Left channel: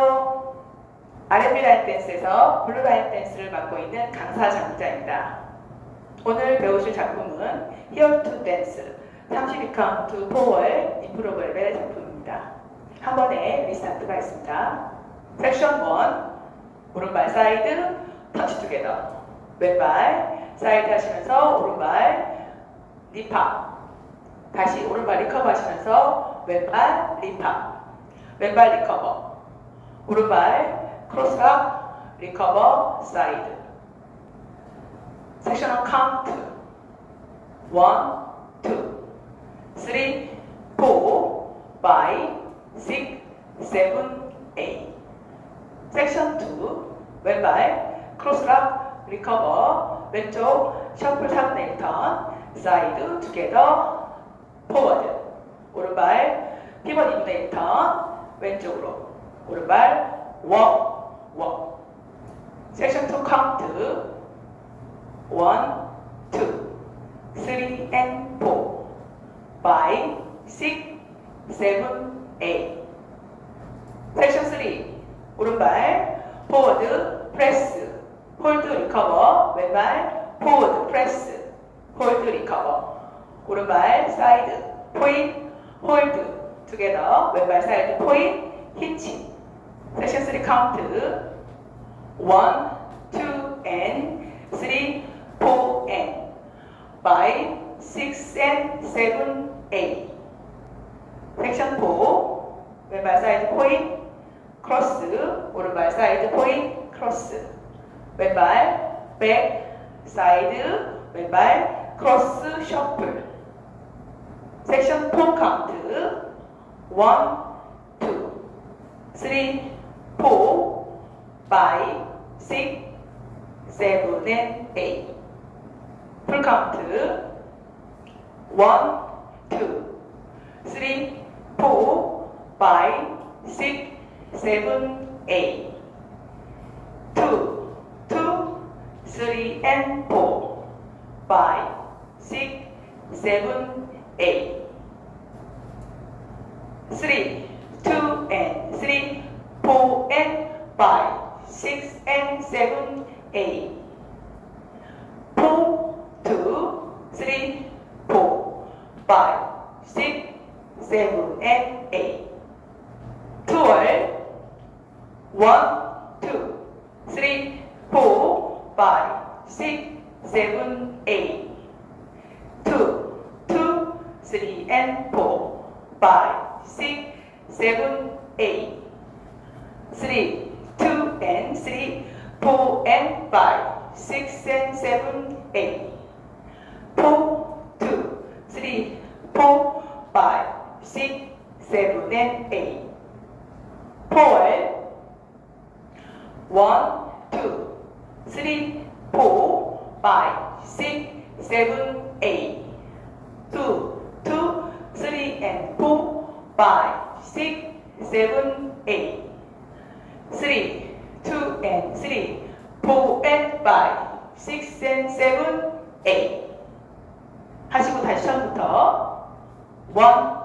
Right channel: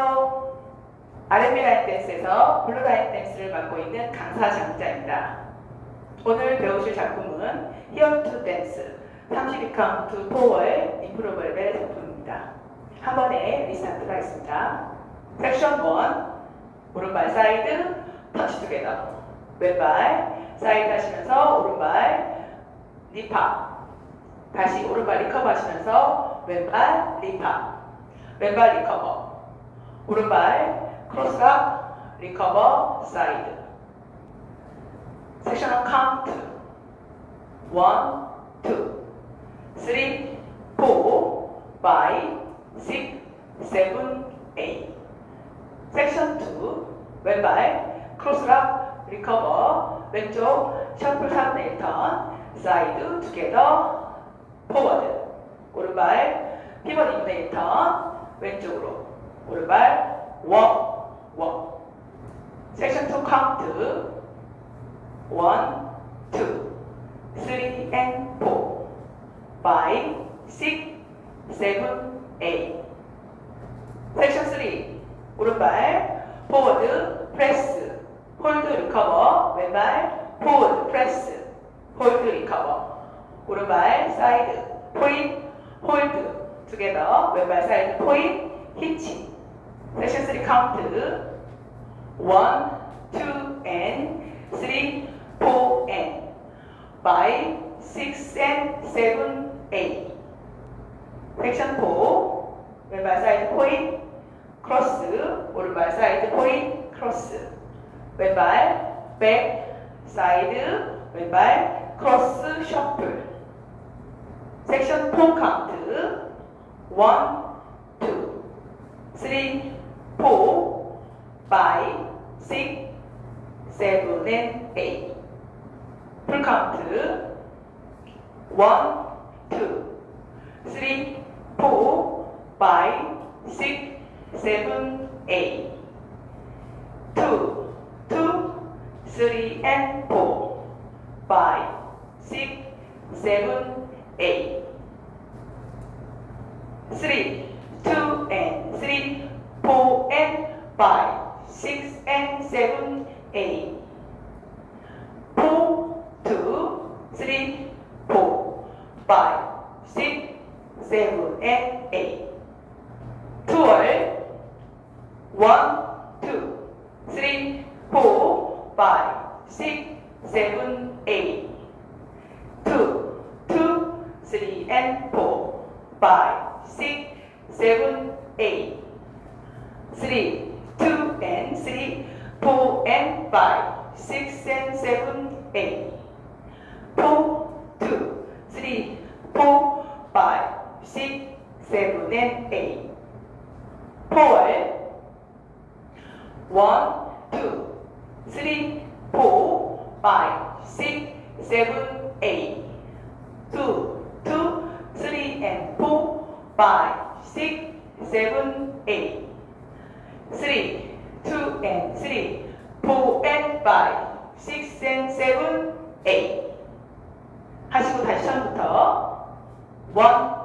안녕하세요. R&B 라인 댄스에서 블루 라인 댄스를 맡고 있는 강사 장자입니다. 오늘 배우실 작품은 Here to Dance 32카운트 포워의 임프로브 레벨 작품입니다. 한 번에 리스타트가 있습니다. 섹션 1 오른발 사이드 터치 투게더 왼발 사이드 하시면서 오른발 리파 다시 오른발 리커버 하시면서 왼발 리파 왼발 리커버 오른발 크로스업 리커버 사이드. 섹셔널 카운트 1, 2, 3, 4, 5, 6, 7, 8 섹션 2 왼발 크로스업 리커버 왼쪽 셔플 3분의 1턴 사이드 투게더 포워드 오른발 피벗 2분의 1턴 왼쪽으로 오른발 워, 워. 섹션 2 카운트 1, 2, 3 and 4 5, 6, 7, 8 섹션 3 오른발 포워드 프레스 홀드 리커버 왼발 포워드 프레스 홀드 리커버 오른발 사이드 포인 홀드 투게더 왼발 사이드 포인 히치 섹션 3 카운트. 1, 2 and 3, 4 and 5, 6 and 7, 8 섹션 4 왼발 사이드 포인 크로스. 오른발 사이드 포인 크로스. 왼발 백 사이드. 왼발 크로스 셔플. 섹션 4 카운트. 1, 2, 3, 4, 5, 6, 7, and 8풀 카운트 1, 2, 3, 4, 5, 6, 7, 8 2, 2, 3 and 4 5, 6, 7, 8 3, 2 and 3, 4 and 5, 6 and 7, 8 4, 2, 3, 4, 5, 6, 7 and 8 2월 1, 2, 3, 4, 5, 6, 7, 8 2, 2, 3 and 4, 5, 6, 7, 8 3, 2 and 3, 4 and 5, 6 and 7, 8 4, 2, 3, 4, 5, 6, 7 and 8 4월 1, 2, 3, 4, 5, 6, 7, 8 2, 2, 3 and 4, 5, 6, 7, 8 3, 2 and 3, 4 and 5, 6 and 7, 8 하시고 다시 처음부터 1,